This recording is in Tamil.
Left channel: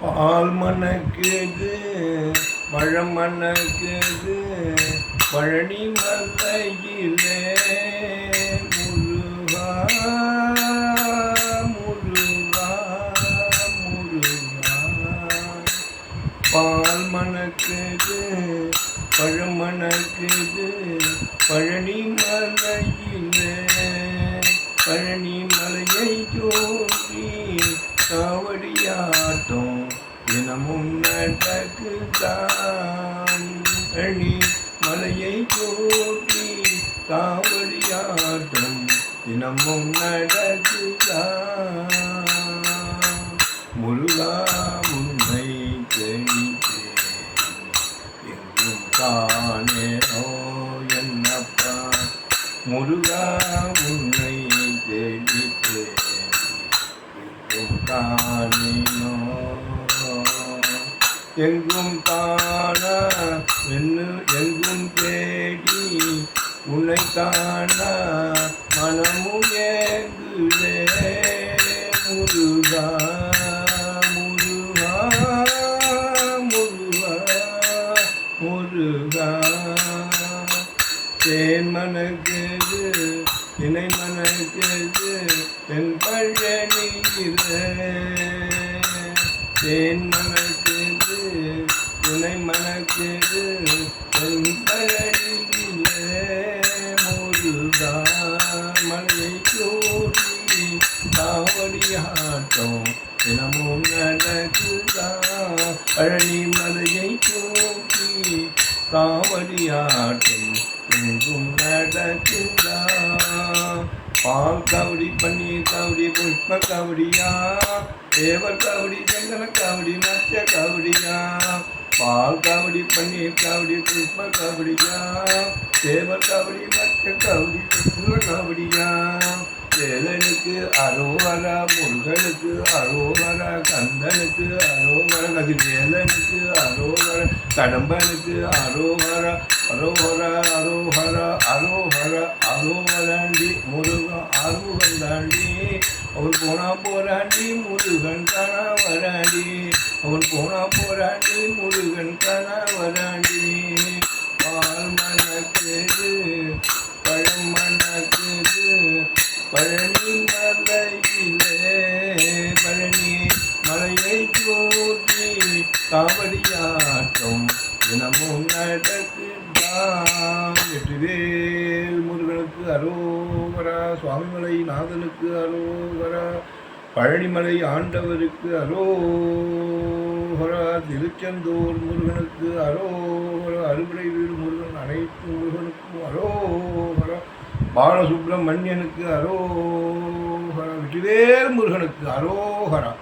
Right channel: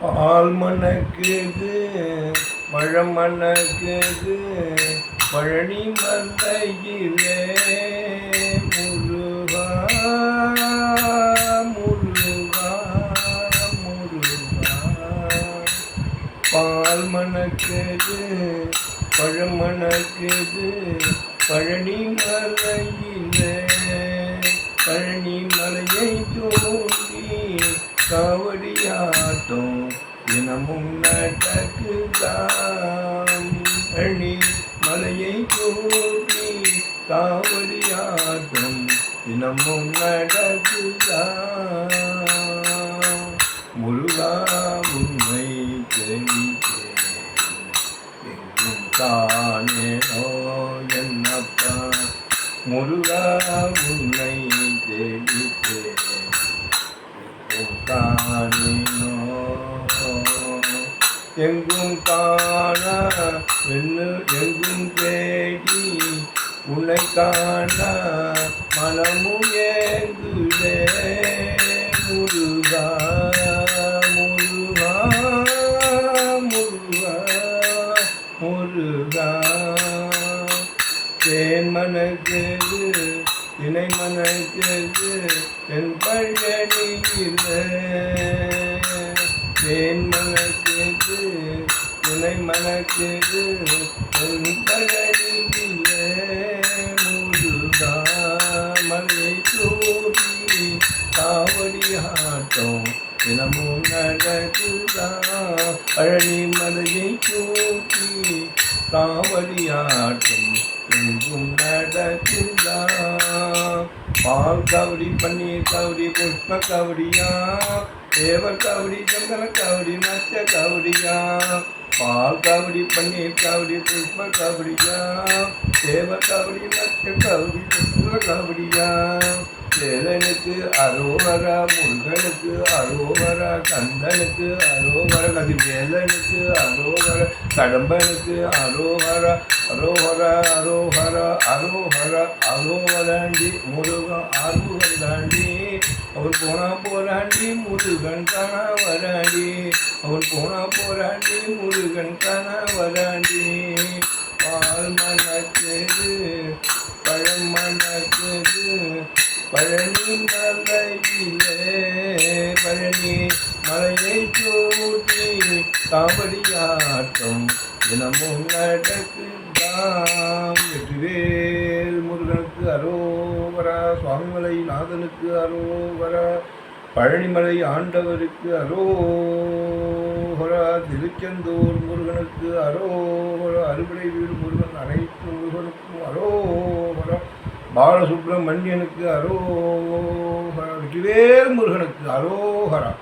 பால் மணக்குது பழம் மணக்குது பழனி மலையிலே முருகா முருகா முருகா. பால் மணக்குது பழம் மணக்குது பழனி மலையிலே பழனி மலையை தோன்றி காவடியாட்டம் தினமும் நடக்குதான் அணி மலையை தோன்றி காவடியாட்டம் தினமும் நடக்குதான் முருகா உன்னை தெளித்தேன் எங்கும் காணேனோ என்னப்பா. முருகா உன்னை தெளித்தேன் எங்கும் காணினோ எங்கும் காண வெண்ணு எங்கும் தேடி உன்னை காண மனமும் ஏங்குதே முருகா முருகா முருகா முருகா. தேன் மணக்குது இணை மணக்குது என் பழனியிலே. தேன் மணக்குது இணை மணக்குது என் பழனியிலே முருகா மலையை சூடி காவடியாட்டம் தினமும் நடக்குதா? பழனி மலையை தூக்கி காவடியாட்டம் எங்கும் நடக்குதா? பால் கவடி பன்னீர் கவடி புஷ்ப கவடியா? தேவர் காவடி சந்தன காவடி மச்ச காவடியா? பால் காவடி பன்னீர் காவடி புஷ்ப காவடியா? தேவர் காவடி மச்ச காவடி சந்தன காவடியா? சேதனுக்கு அரோவரா முருகனுக்கு அரோவரா கந்தனுக்கு அரோகரா கதிர்வேலனுக்கு அரோகரா கடம்பனுக்கு அரோவரா அரோஹரா அரோஹரா அரோஹரா அரோவராண்டி முருகன் அருகன் தாண்டி அவன் போனா போராண்டி முருகன் தானா வராண்டி. அவன் போனா போராண்டி முருகன் தானா வராண்டி. பால் மணக்குது பழம் மணக்குது பழனி மலையிலே. பழனி மலையை சூட்டி காவடியாட்டம் தினமும் நடக்குதாம். அரோவரா சுவாமிமலை நாதனுக்கு அரோகரா பழனிமலை ஆண்டவருக்கு அரோகரா திருச்செந்தூர் முருகனுக்கு அரோகரா அறுபடை வீடு முருகன் அனைத்து முருகனுக்கும் அரோகரா பாலசுப்ரமணியனுக்கு அரோகரா வெற்றிவேல் முருகனுக்கு அரோகரா